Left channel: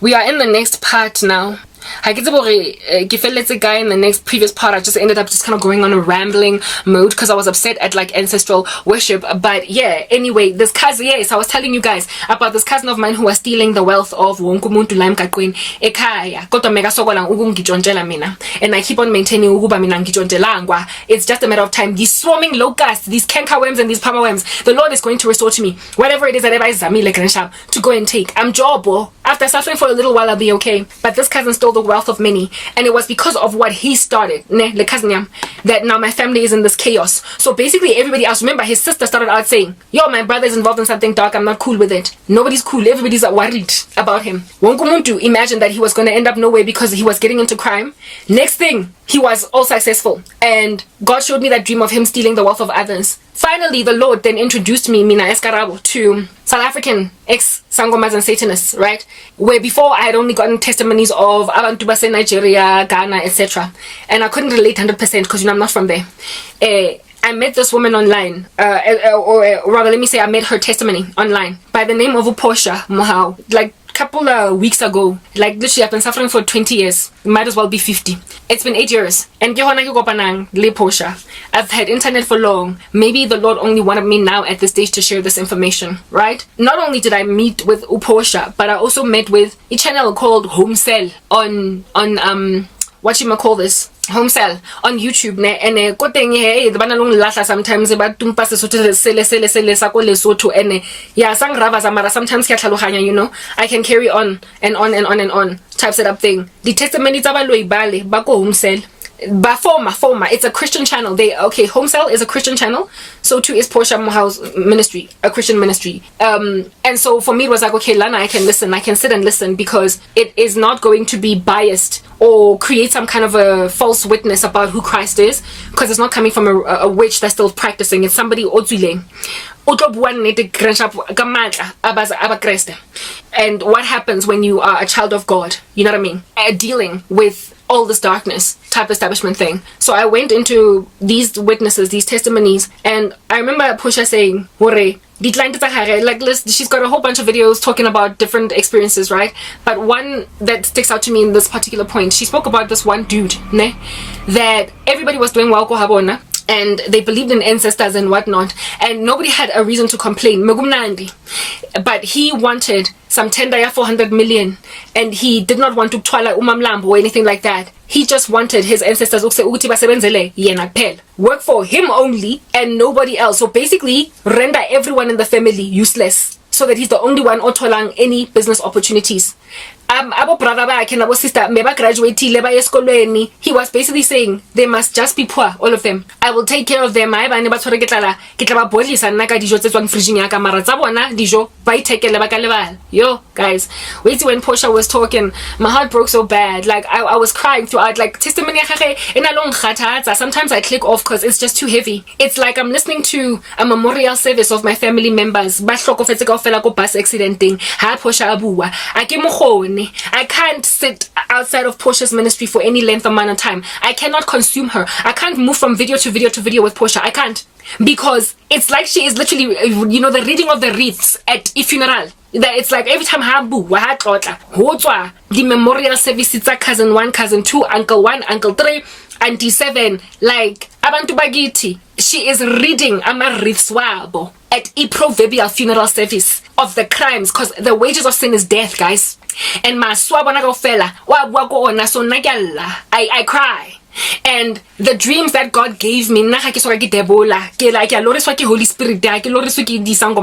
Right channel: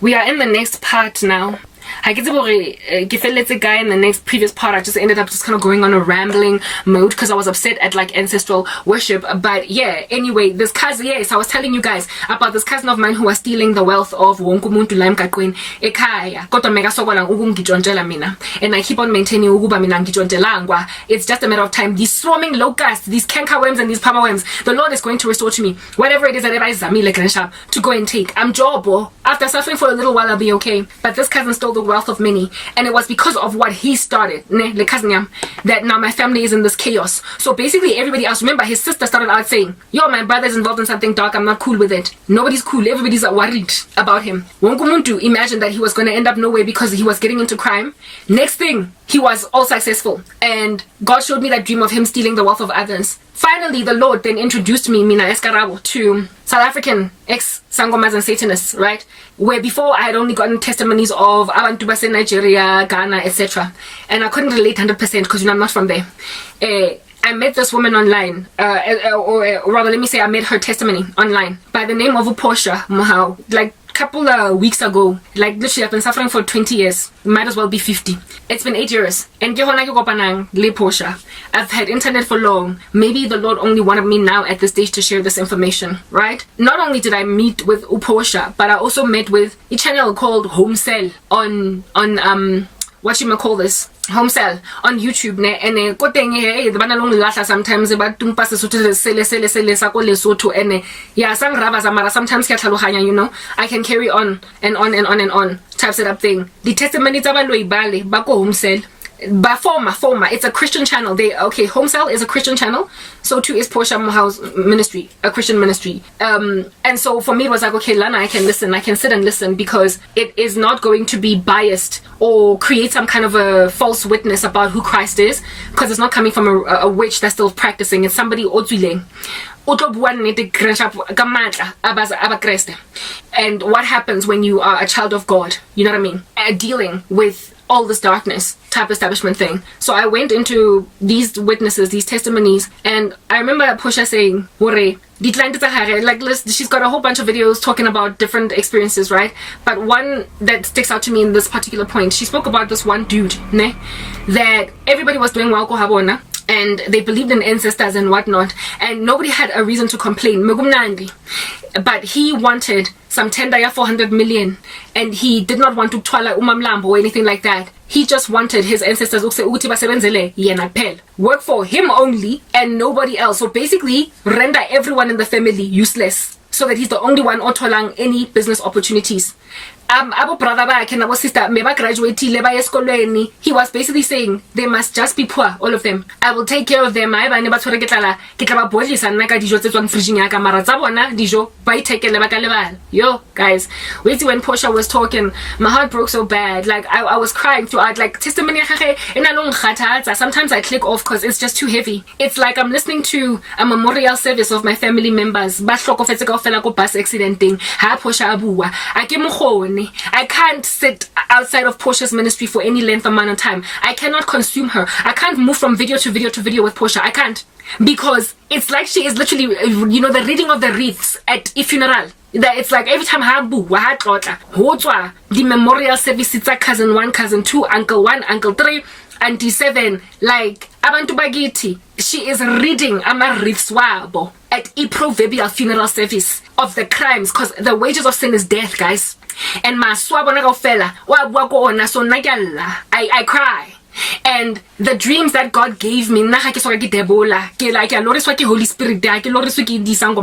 We are in the next part now. I get to guy in the next previous part. I just ended up just kind of going on a rambling mode because I was upset at like ancestral worship. But yeah, anyway, this cousin, yes, I was telling you guys about this cousin of mine who was stealing the wealth of wonke umuntu la emgaqweni ekhaya. Kodwa mega sokola ukungitshontsela mina, and I keep on maintaining ukuba mina ngitshontshelangwa. It's just a matter of time. These swarming locusts, these cankerworms and these palmerworms, the Lord is going to restore to me whatever it is that I zamile gresham to go and take. I'm jobo. After suffering for a little while, I'll be okay. But this cousin stole the wealth of many, and it was because of what he started, that now my family is in this chaos. So basically everybody else, remember his sister started out saying, yo, my brother's involved in something dark, I'm not cool with it. Nobody's cool, everybody's worried about him. Wonkumuntu imagined that he was going to end up nowhere because he was getting into crime. Next thing, he was all successful, and God showed me that dream of him stealing the wealth of others. Finally, the Lord then introduced me, Mina Escarabo, to South African ex-Sangomas and Satanists, right? Where before I had only gotten testimonies of Abantu Base, Nigeria, Ghana, etc. And I couldn't relate 100% because, I'm not from there. I met this woman online, or rather, let me say I met her testimony online by the name of Uposha Mohau. Like, couple of weeks ago, like literally I've been suffering for 20 years, might as well be 50. It's been 8 years, and I've had internet for long. Maybe the Lord only wanted me now at this stage to share this information, right? Not only did I meet with Uposha, but I also met with a channel called Home Cell on what you might call this, Home Cell on YouTube, and the banalong lasa sometimes about tumpa sele sako lesotho, and yeah, sang rava zamara sometimes I can carry on and on and on and on type setup thing. The testimony tsa baloi bale bako Home Cell. But former, it's a Christian channel. Home Cell is a Christian channel. So too is Portia Mohau's ministry, a Christian ministry. And so for me it was like, okay, Lana, I can listen, I can sit and listen, because it is not going to be biased or create some kind of a false witness about who Christ is, because it's not coming from a witch that's still practicing. It's somebody otswileng. And what happens when you are a child of God, you know what I mean, dealing with all this darkness type establishment thing. So I went into these witnesses, these testimonies, and I remember Pusha saying, like, listen, she's got a whole bunch of videos talking about different experiences, right? But one that sticks out to me in this particular point, she spoke about this one dude, that everybody was doing well, and they believed in ancestors and whatnot, and nobody had a reason to complain. But he wanted some tender 400 million, and he did not want to twala umamlambo or anything like that. He just wanted his ancestors work for him only and nobody else. So basically render everyone in the family useless, so that he's the only one otolang any business opportunities. Abo brother bakhe nabo sister meba graduatile ba eskolweni. He was basically saying they must just be poor, all of them. I will take care of them. I ba ne ba tshware ke tla ba bodlisa nna ka dijo tse tswang fridge ya ka, mara tsa bona dijo ba itekele ba ka lebala. Yo guys, wait when Portia was talking, my heart broke so bad. Like I was crying throughout. Like testimony sometimes I click off because it's just too heavy. It's like I'm listening to a memorial service of my family members. Ba hlokofetse kaofela ko bus accidenting. Ha Portia abua ake mogone. I can't sit outside of Portia's ministry for any length amount of time. I cannot consume her. I can't move from video to video to video with Portia. I can't, because it's like she is literally, the reading of the wreaths at a funeral. That it's like every time the memorial service, it's a cousin 1, cousin 2, uncle 1, uncle 3, auntie 7, like abantu bagiti. She is reading wreaths wabo at a proverbial funeral service of the crimes, because the wages of sin is death, guys. And I cry. And the dreams that God gave me, Holy Spirit, do you understand?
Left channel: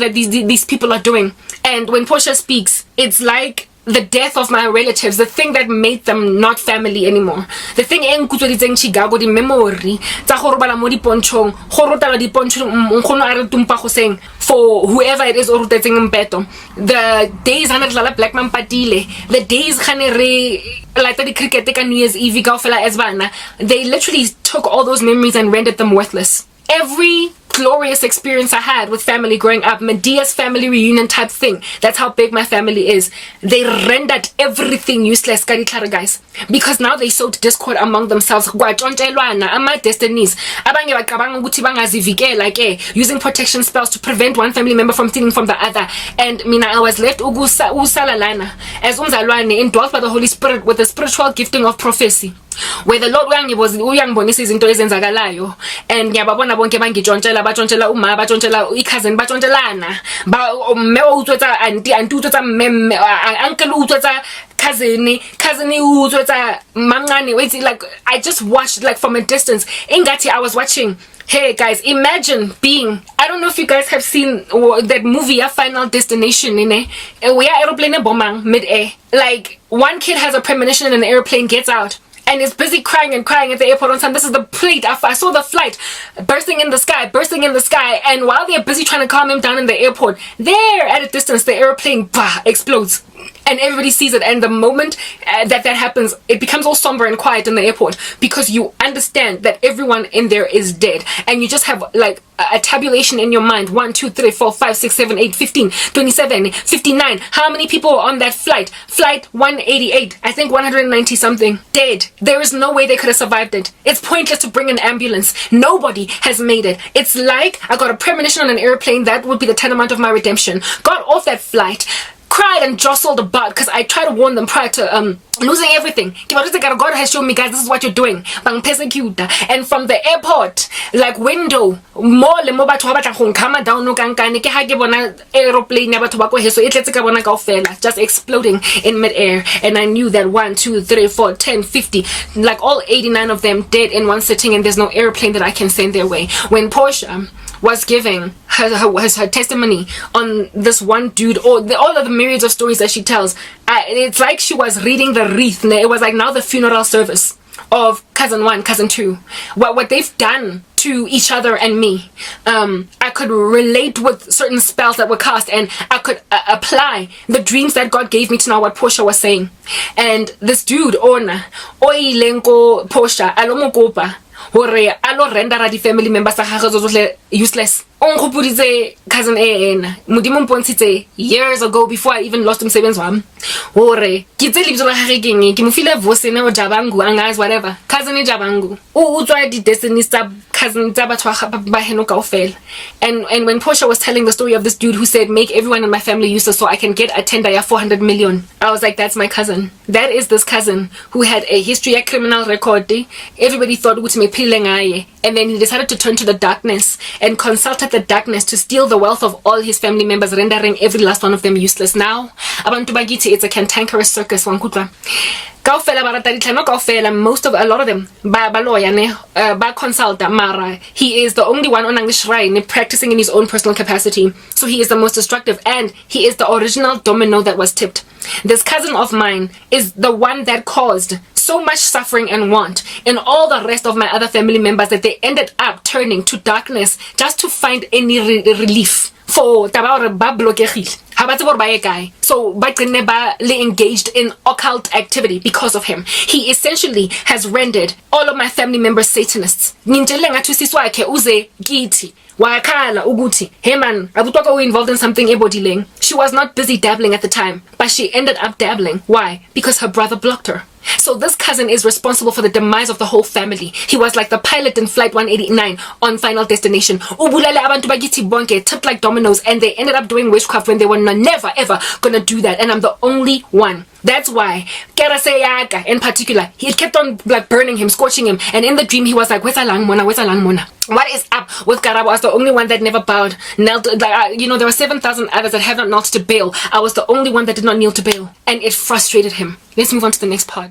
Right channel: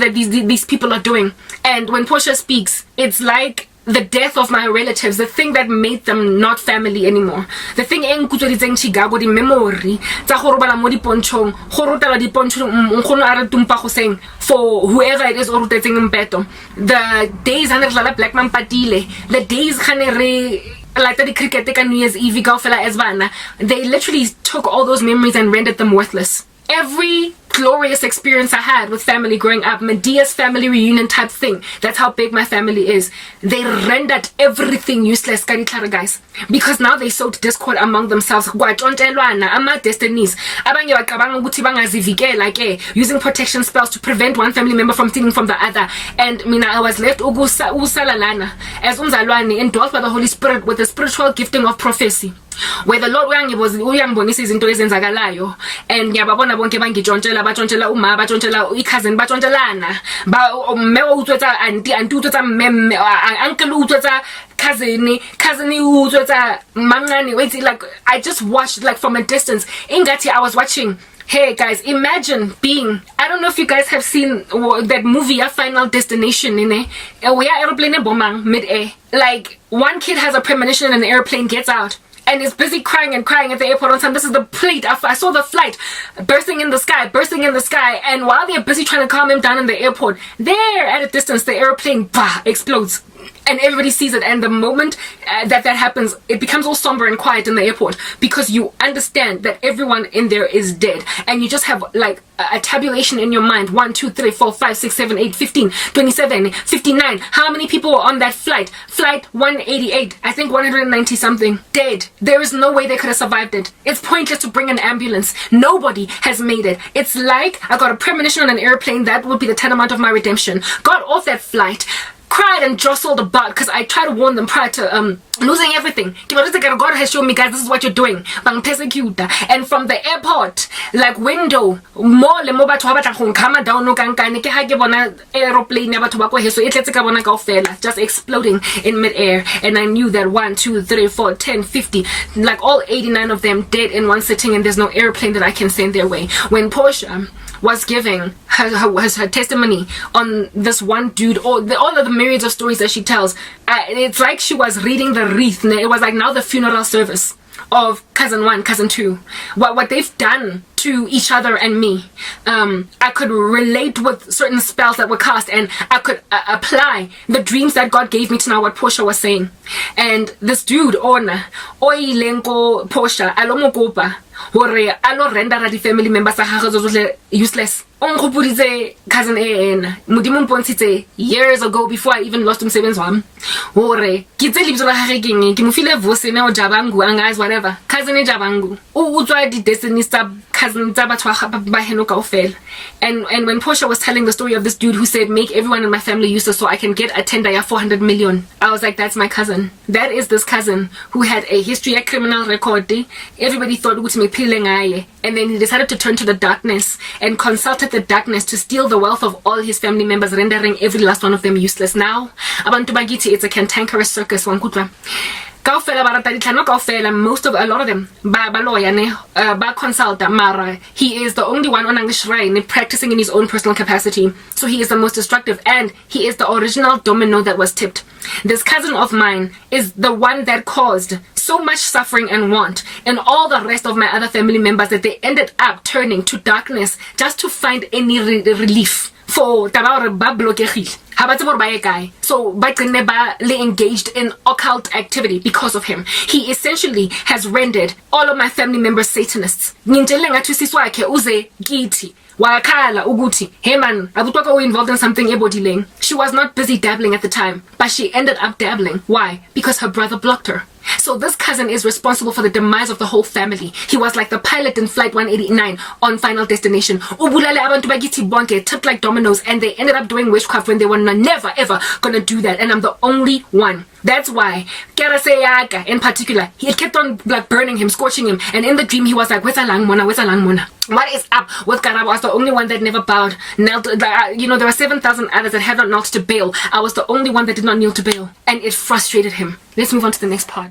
That these people are doing. And when Portia speaks, it's like the death of my relatives, the thing that made them not family anymore, the thing the memory for whoever it is, the days black man patile, the days like the cricket New Year's Eve, they literally took all those memories and rendered them worthless. Every glorious experience I had with family growing up. Medea's family reunion type thing. That's how big my family is. They rendered everything useless, guys, because now they sowed discord among themselves. Destinies. Using protection spells to prevent one family member from stealing from the other. And mina, I was left as indwelt by the Holy Spirit with the spiritual gifting of prophecy, where the Lord uyangibonisa izinto ezenzakalayo, and ngiyababona bonke bangijontshela bajontshela uma bajontshela i-cousin bajontshela mme utswetsa auntie utswetsa mme uncle utswetsa cousin utswetsa mangane. Wait, like I just watched like from a distance. Ingati I was watching. Hey guys, imagine being, I don't know if you guys have seen that movie, Final Destination, we are aeroplane bombang mid-air. Like, one kid has a premonition in an airplane, gets out, and is busy crying at the airport on time. This is the plate. I saw the flight bursting in the sky, and while they're busy trying to calm him down in the airport, there at a distance, the airplane explodes. And everybody sees it, and the moment that happens, it becomes all somber and quiet in the airport, because you understand that everyone in there is dead, and you just have like a tabulation in your mind: 1, 2, 3, 4, 5, 6, 7, 8, 15, 27, 59. How many people were on that flight? Flight 188, I think 190 something, dead. There is no way they could have survived it. It's pointless to bring an ambulance. Nobody has made it. It's like I got a premonition on an airplane. That would be the tantamount of my redemption. Got off that flight, cried and jostled about, because I tried to warn them prior to losing everything. God has shown me, guys, this is what you're doing. And from the airport, like window, just exploding in midair. And I knew that 1, 2, 3, 4, 10, 50, like all 89 of them dead in one sitting, and there's no airplane that I can send their way. When Portia was giving her testimony on this one dude, or all of the myriads of stories that she tells, it's like she was reading the wreath. It was like now the funeral service of cousin 1, cousin 2, what they've done to each other and me. I could relate with certain spells that were cast, and I could apply the dreams that God gave me to now what Portia was saying. And this dude, Ona, Oilenko Portia, Alomokopa, hore alo rendera di family members tsa gagwe useless. Ongopuditse cousin ena modimo mpontshitse years ago, before I even lost msebenzi wami, hore ke tse lebitso la gagwe keng ke mo file voice ne o jabangu angazi whatever cousin e jabangu o utswa di destinies tsa cousin tsa batho ba heno kaofela. And when Portia was telling the story of this dude who said make everyone in my family useless so I can get a tender ya 400 million, I was like, that's my cousin. That is this cousin who had a history, a criminal record. Everybody thought ukuthi mephile ngaye, and then he decided to turn to the darkness and consulted the darkness to steal the wealth of all his family members, rendering every last one of them useless. Now abantu bagithi it's a cantankerous circus. Wankutla kaofela baratadi tlhano kaofela, a lot of them ba lawyer ne ba consulta, mara he is the only one on ang shrine practicing in his own personal capacity. So he is the most destructive, and he is the original domino that was tipped. This cousin of mine is the one that caused so much suffering and want in all the rest of my other family members that they ended up turning to darkness just to find any relief for taba ba blokegile. So ba engaged in occult activity because of him. He essentially has rendered all of my family members Satanists. Uze kiti wakhala ukuthi hey man abutwaka involved in something ebodileng. She was not busy dabbling at the time, but she ended up dabbling. Why? Because her brother blocked her. So this cousin is responsible for the demise of the whole family. He was like the pilot in Flight 189 on Final Destination. Ubulale abantu bagithi bonke, tipped like dominoes, and they ended up doing witchcraft when they were never ever gonna do that. And I'm the only one. That's why Keraseyaga in particular, he kept on like burning him, scorching him, and in the dream he was like, "Where's Alang Mona? Where's Alang Mona?" What is up with Karabo? I was the only one that never bowed, knelt. Like, there were 7,000 others that have not knelt to Baal. I was the only one that did not kneel to Baal, and it frustrated him. Let's move on to the next part.